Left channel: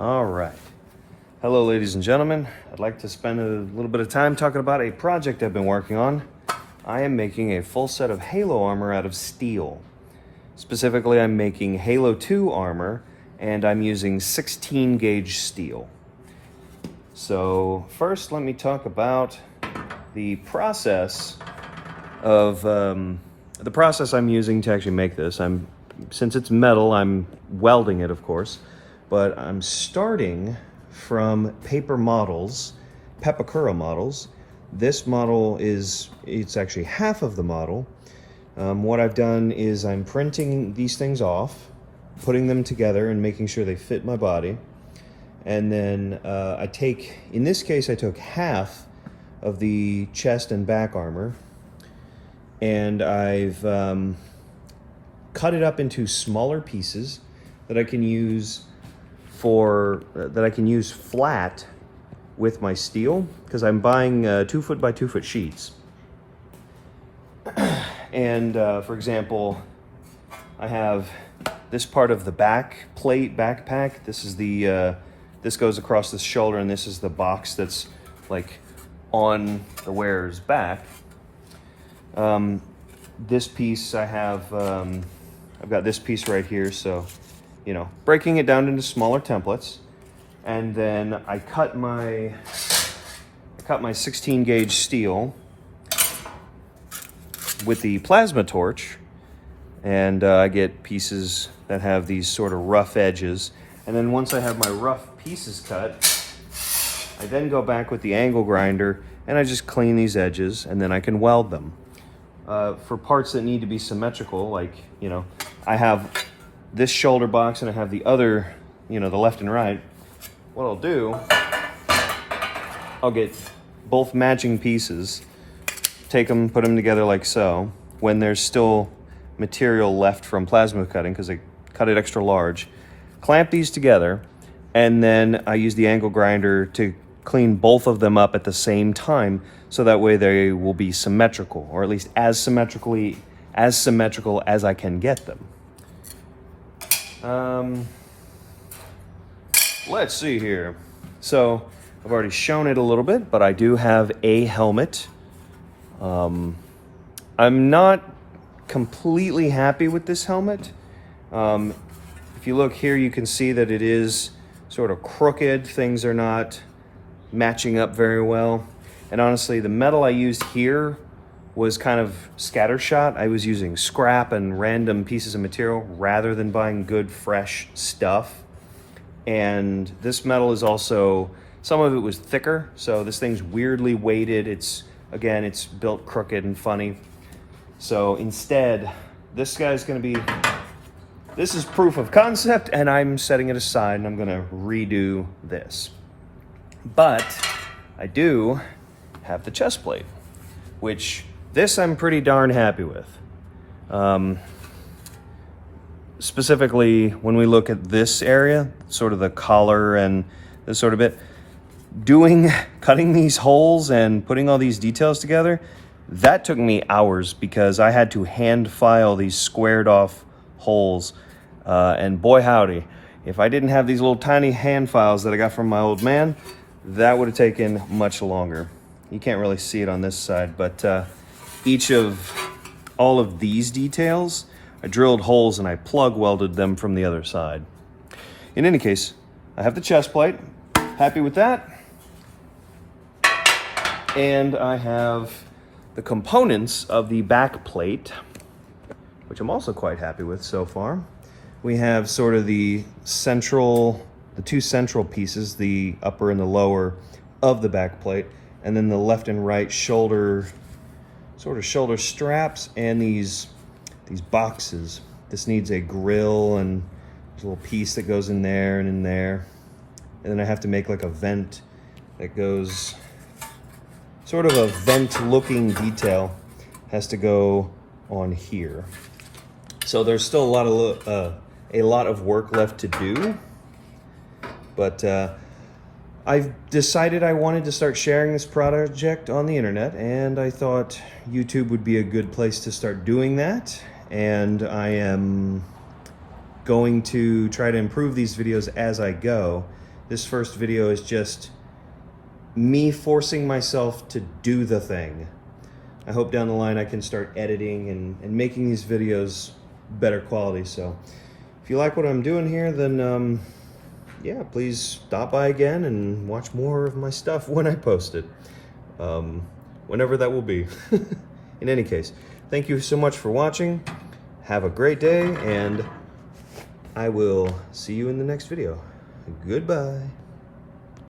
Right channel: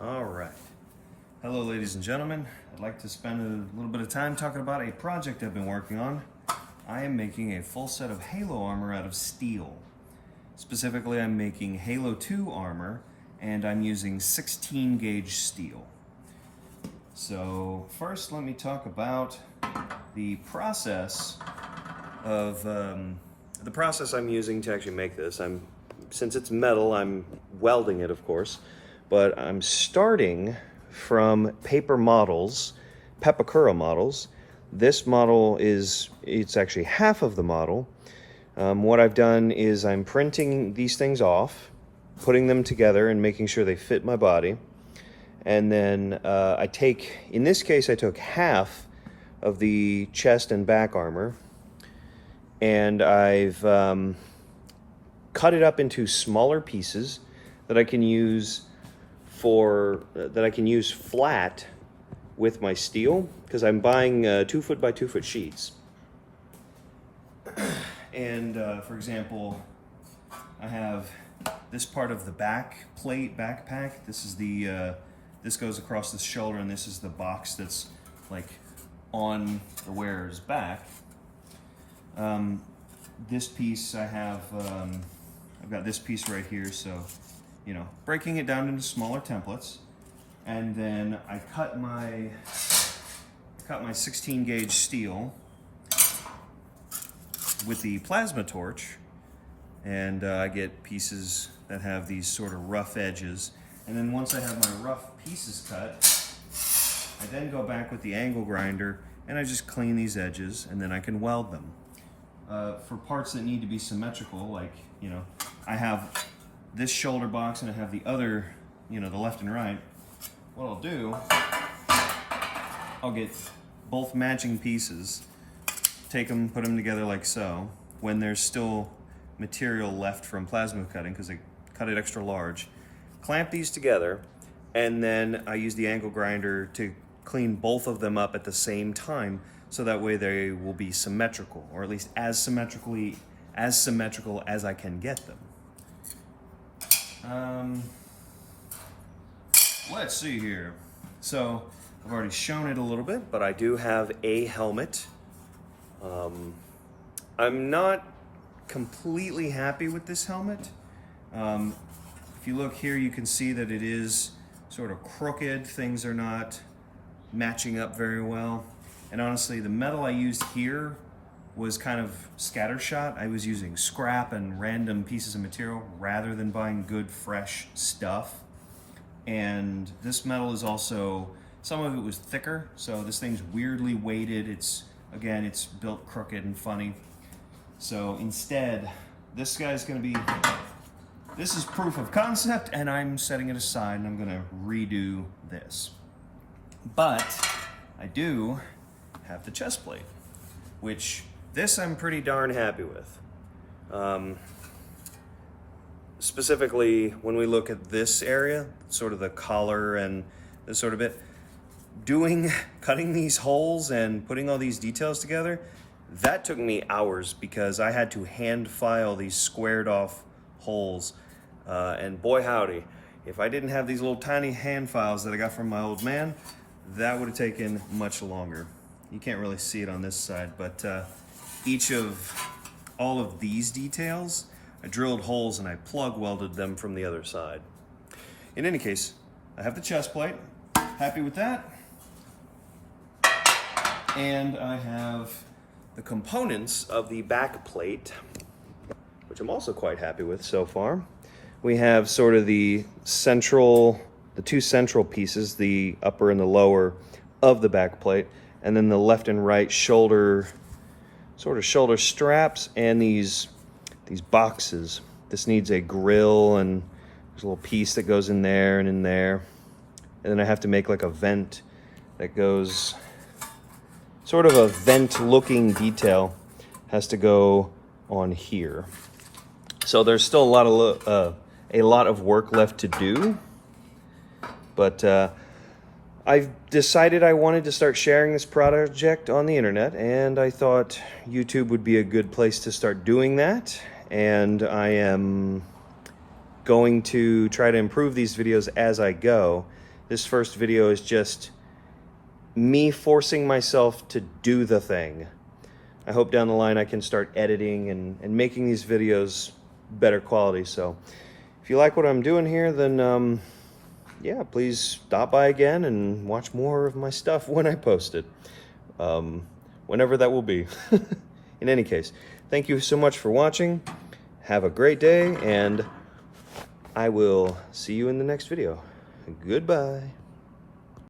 All right. Hello, ladies and gentlemen. I'd like to spend a little bit of time talking about a project I've been working on. I am making a full set of Halo armor out of steel. Specifically, I'm making Halo 2 armor, and I'm using 16 gauge steel. So first, let me talk about the process of the process I'm using to actually make this. Since it's metal, I'm welding it, of course, but I'm starting from paper models, Pepakura models. This model it's actually half of the model. What I've done is I'm printing these things off, putting them together and making sure they fit my body. And then in this case, I took half of the chest and back armor, and I've cut it up into smaller pieces that I can use flat with my steel, because I'm buying 2 foot by 2 foot sheets. And for example, I have this part of the back plate backpack. This is this goes across the shoulder, and this is the box that's like on the wearer's back. This piece I've got this piece right here, so breaking it down into smaller templates, and then I cut my 16 gauge steel with the plasma torch, and I get pieces that have these sort of rough edges. And then once I have my rough pieces cut, I then go back with the angle grinder and I just clean these edges, and then I can weld them. For parts that need to be symmetrical, like, I have this shoulder box and I have the other, the left and right. What I'll do, I'll get both matching pieces, take them, put them together like so. When there's still material left from plasma cutting, because I cut it extra large, clamp these together, and then I use the angle grinder to clean both of them up at the same time, so that way they will be symmetrical, or at least as symmetrical as I can get them. Let's see here. So I've already shown it a little bit, but I do have a helmet. I'm not completely happy with this helmet. If you look here, you can see that it is sort of crooked. Things are not matching up very well. And honestly, the metal I used here was kind of scattershot. I was using scrap and random pieces of material rather than buying good, fresh stuff. And this metal is also, some of it was thicker, so this thing's weirdly weighted. It's built crooked and funny. So instead, this is proof of concept, and I'm setting it aside, and I'm gonna redo this. But I do have the chest plate, which this I'm pretty darn happy with. Specifically, when we look at this area, sort of the collar and this sort of bit, cutting these holes and putting all these details together, that took me hours, because I had to hand file these squared off holes. And boy howdy, if I didn't have these little tiny hand files that I got from my old man, that would have taken much longer. You can't really see it on this side, but all of these details, I drilled holes and I plug welded them from the other side. In any case, I have the chest plate, happy with that. And I have the components of the back plate, which I'm also quite happy with so far. We have sort of the two central pieces, the upper and the lower of the back plate, and then the left and right shoulder straps, and these boxes. This needs a grill, and there's a little piece that goes in there and in there. And then I have to make like a vent that goes, sort of a vent looking detail has to go on here. So there's still a lot of work left to do, but I've decided I wanted to start sharing this project on the internet, and I thought YouTube would be a good place to start doing that. And I am going to try to improve these videos as I go, This first video is just me forcing myself to do the thing. I hope down the line I can start editing and making these videos better quality. So if you like what I'm doing here, then yeah, please stop by again and watch more of my stuff when I post it. Whenever that will be. In any case, thank you so much for watching. Have a great day, and I will see you in the next video. Goodbye.